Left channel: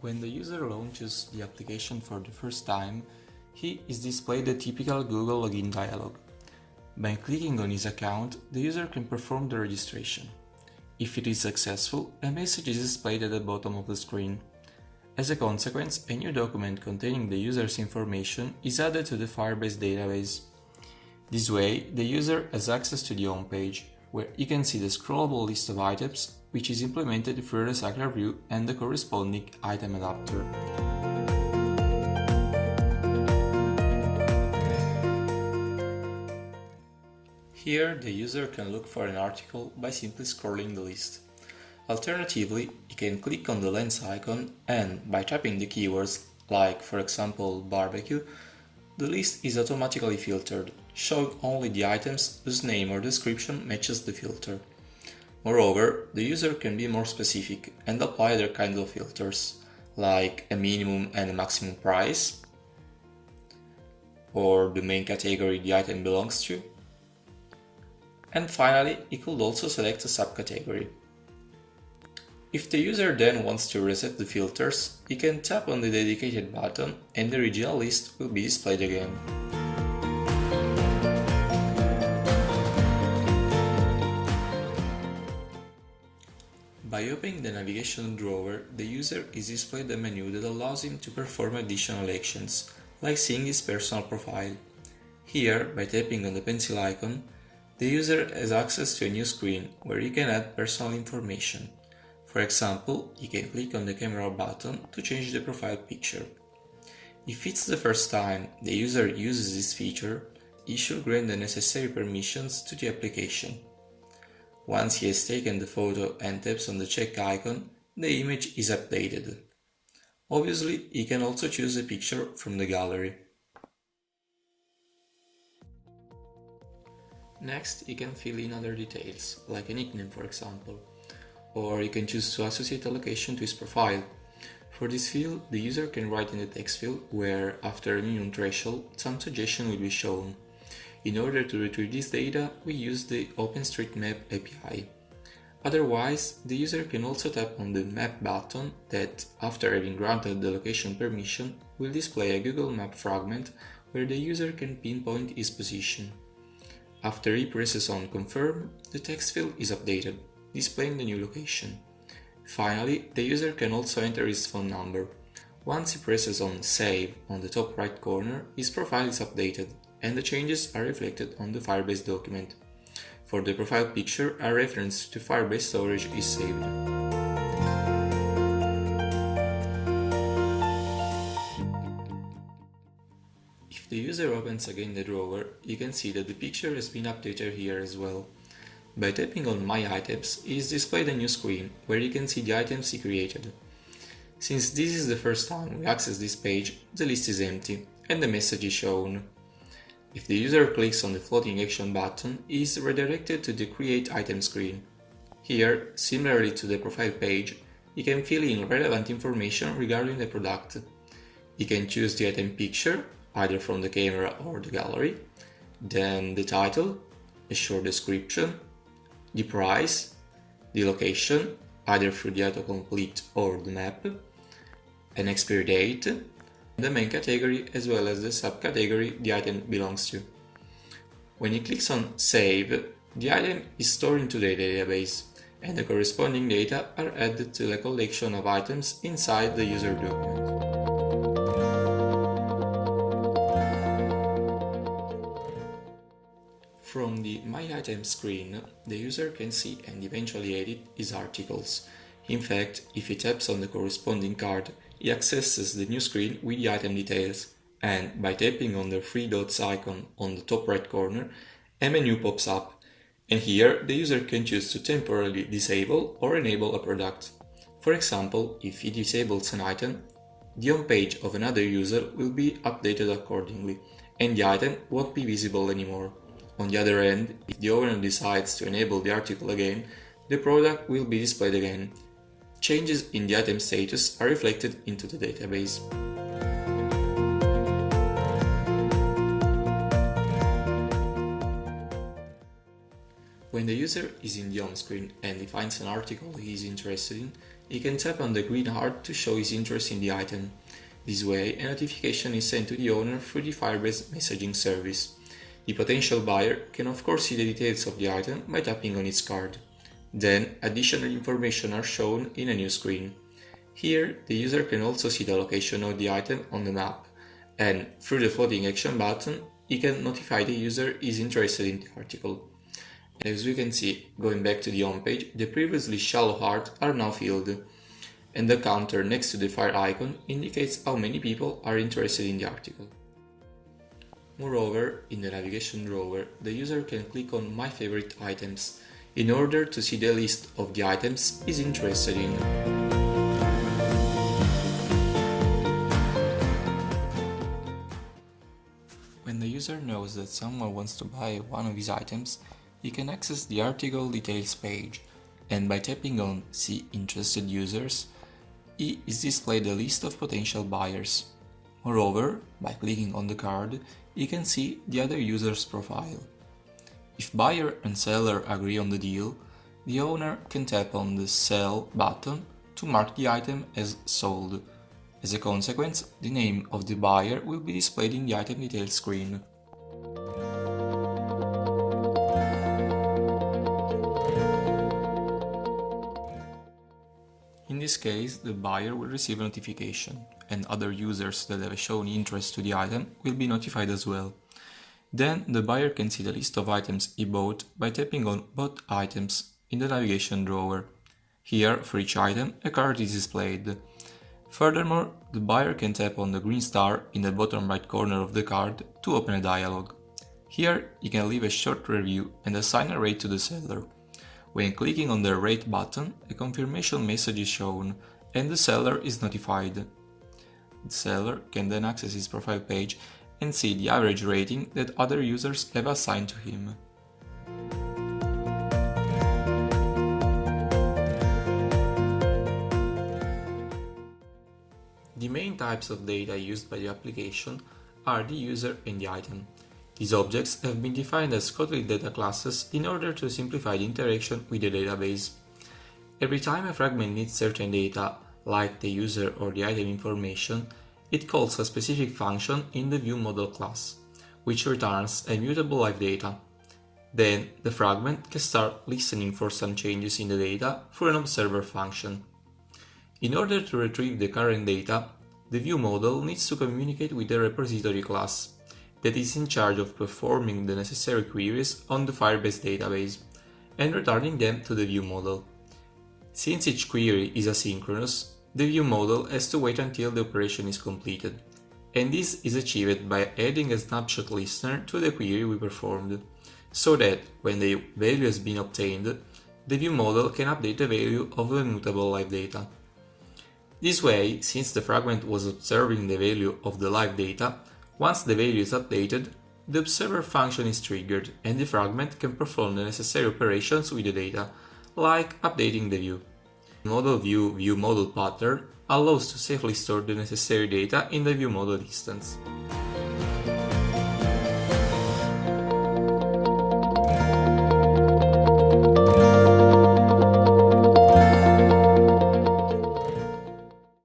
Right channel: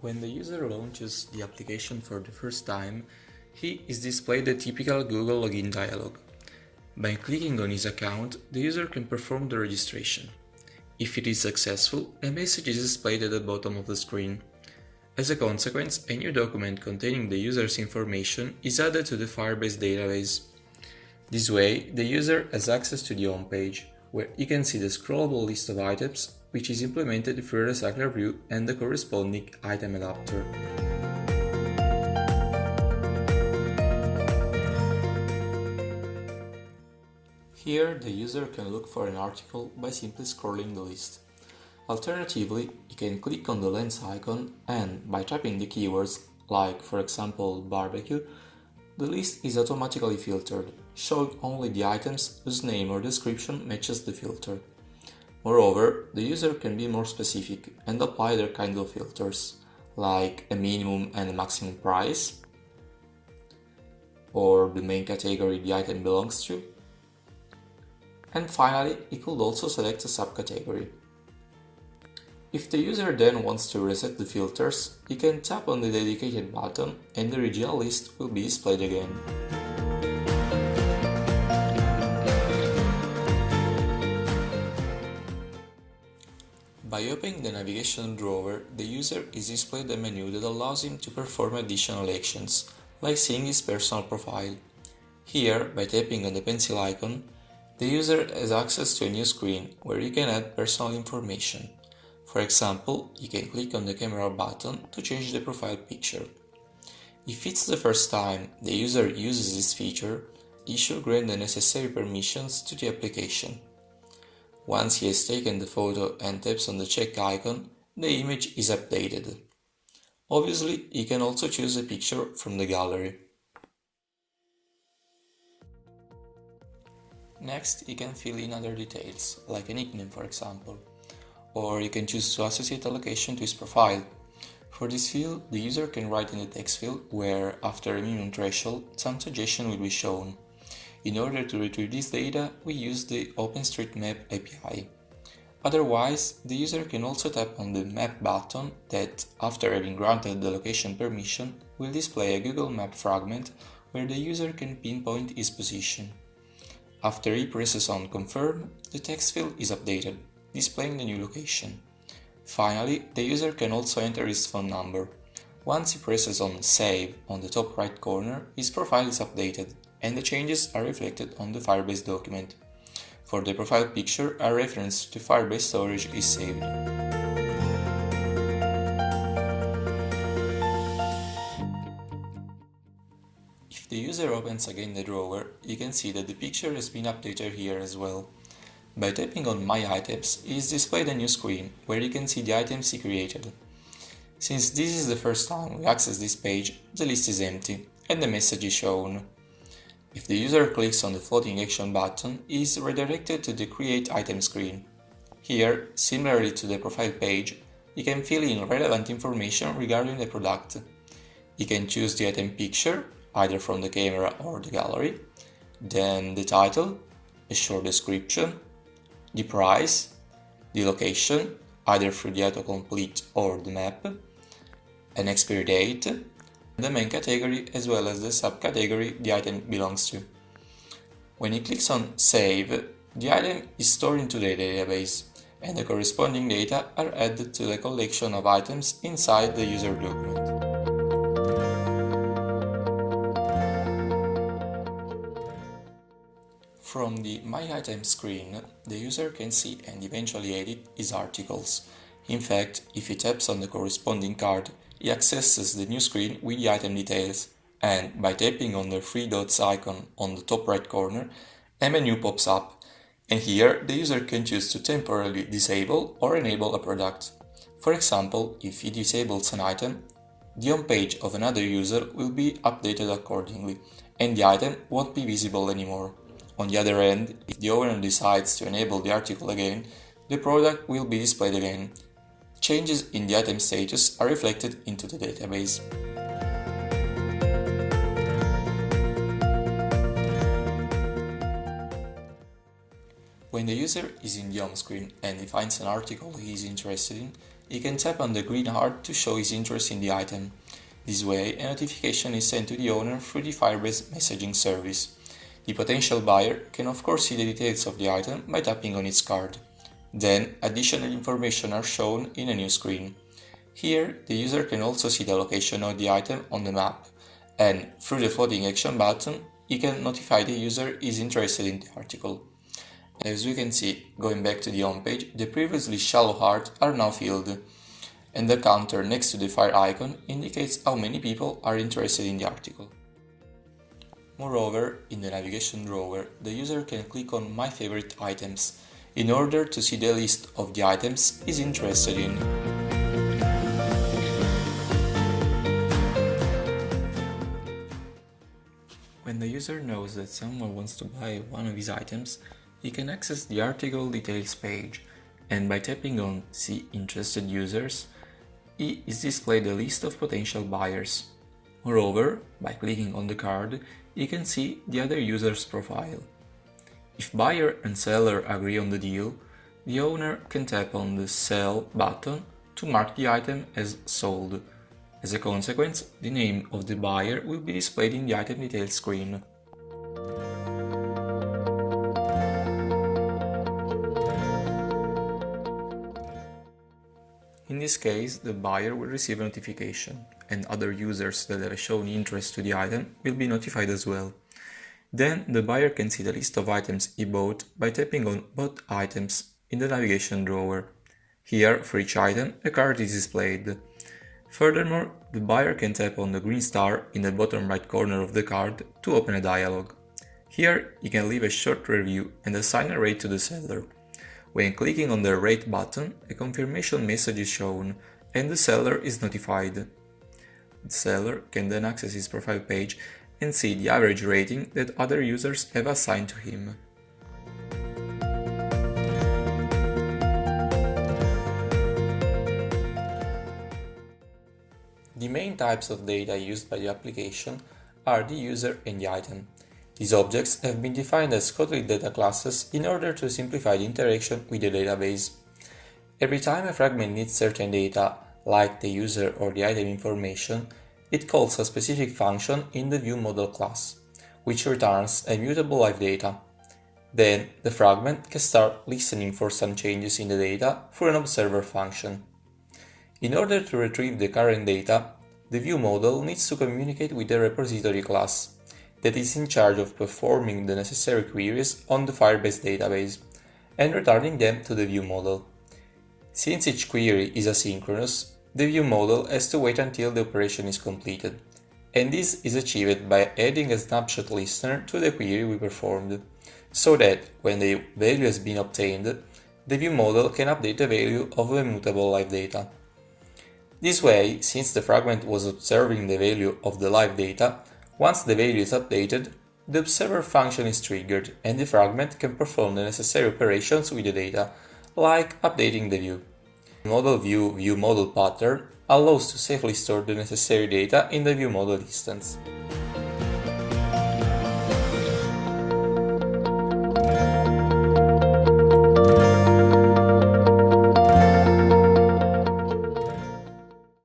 When the user launches the application for the first time, he is displayed the typical Google login dialog. By clicking on his account, the user can perform the registration. If it is successful, a message is displayed at the bottom of the screen. As a consequence, a new document containing the user's information is added to the Firebase database. This way, the user has access to the home page, where he can see the scrollable list of items, which is implemented through a recycler view and the corresponding item adapter. Here, the user can look for an article by simply scrolling the list. Alternatively, he can click on the lens icon and, by typing the keywords, like for example barbecue, the list is automatically filtered, showing only the items whose name or description matches the filter. Moreover, the user can be more specific and apply other kinds of filters, like a minimum and a maximum price, or the main category the item belongs to, and finally, he could also select a subcategory. If the user then wants to reset the filters, he can tap on the dedicated button and the original list will be displayed again. By opening the navigation drawer, the user is displayed a menu that allows him to perform additional actions, like seeing his personal profile. Here, by tapping on the pencil icon, the user has access to a new screen where he can add personal information. For example, he can click on the camera button to change the profile picture. If it's the first time the user uses this feature, he should grant the necessary permissions to the application. Once he has taken the photo and taps on the check icon, the image is updated. Obviously, he can also choose a picture from the gallery. Next, he can fill in other details, like a nickname for example, or he can choose to associate a location to his profile. For this field, the user can write in the text field where, after a minimum threshold, some suggestion will be shown. In order to retrieve this data, we use the OpenStreetMap API. Otherwise, the user can also tap on the Map button that, after having granted the location permission, will display a Google Map fragment where the user can pinpoint his position. After he presses on Confirm, the text field is updated, displaying the new location. Finally, the user can also enter his phone number. Once he presses on Save on the top right corner, his profile is updated, and the changes are reflected on the Firebase document. For the profile picture, a reference to Firebase storage is saved. If the user opens again the drawer, you can see that the picture has been updated here as well. By tapping on My Items, he is displayed a new screen where you can see the items he created. Since this is the first time we access this page, the list is empty and the message is shown. If the user clicks on the floating action button, he is redirected to the Create Item screen. Here, similarly to the profile page, he can fill in relevant information regarding the product. He can choose the item picture, either from the camera or the gallery, then the title, a short description, the price, the location, either through the autocomplete or the map, an expiry date, the main category as well as the subcategory the item belongs to. When he clicks on Save, the item is stored into the database, and the corresponding data are added to the collection of items inside the user document. From the My Items screen, the user can see and eventually edit his articles. In fact, if he taps on the corresponding card, he accesses the new screen with the item details, and by tapping on the three dots icon on the top right corner, a menu pops up, and here the user can choose to temporarily disable or enable a product. For example, if he disables an item, the home page of another user will be updated accordingly, and the item won't be visible anymore. On the other hand, if the owner decides to enable the article again, the product will be displayed again. Changes in the item status are reflected into the database. When the user is in the home screen and he finds an article he is interested in, he can tap on the green heart to show his interest in the item. This way, a notification is sent to the owner through the Firebase messaging service. The potential buyer can of course see the details of the item by tapping on its card. Then, additional information are shown in a new screen. Here, the user can also see the location of the item on the map, and through the floating action button, he can notify the user is interested in the article. As you can see, going back to the home page, the previously shallow hearts are now filled, and the counter next to the fire icon indicates how many people are interested in the article. Moreover, in the navigation drawer, the user can click on My Favorite Items in order to see the list of the items he's interested in. When the user knows that someone wants to buy one of his items, he can access the article details page, and by tapping on See Interested Users, he is displayed a list of potential buyers. Moreover, by clicking on the card, he can see the other user's profile. If buyer and seller agree on the deal, the owner can tap on the Sell button to mark the item as sold. As a consequence, the name of the buyer will be displayed in the item details screen. In this case, the buyer will receive a notification, and other users that have shown interest to the item will be notified as well. Then the buyer can see the list of items he bought by tapping on Bought Items in the navigation drawer. Here, for each item, a card is displayed. Furthermore, the buyer can tap on the green star in the bottom right corner of the card to open a dialog. Here, he can leave a short review and assign a rate to the seller. When clicking on the Rate button, a confirmation message is shown and the seller is notified. The seller can then access his profile page and see the average rating that other users have assigned to him. The main types of data used by the application are the user and the item. These objects have been defined as Kotlin data classes in order to simplify the interaction with the database. Every time a fragment needs certain data, like the user or the item information, it calls a specific function in the viewModel class, which returns a mutable live data. Then, the fragment can start listening for some changes in the data through an observer function. In order to retrieve the current data, the viewModel needs to communicate with the repository class that is in charge of performing the necessary queries on the Firebase database and returning them to the viewModel. Since each query is asynchronous, the viewModel has to wait until the operation is completed, and this is achieved by adding a snapshot listener to the query we performed, so that when the value has been obtained, the viewModel can update the value of the immutable live data. This way, since the fragment was observing the value of the live data, once the value is updated, the observer function is triggered and the fragment can perform the necessary operations with the data, like updating the view. The model view viewModel pattern allows to safely store the necessary data in the viewModel instance.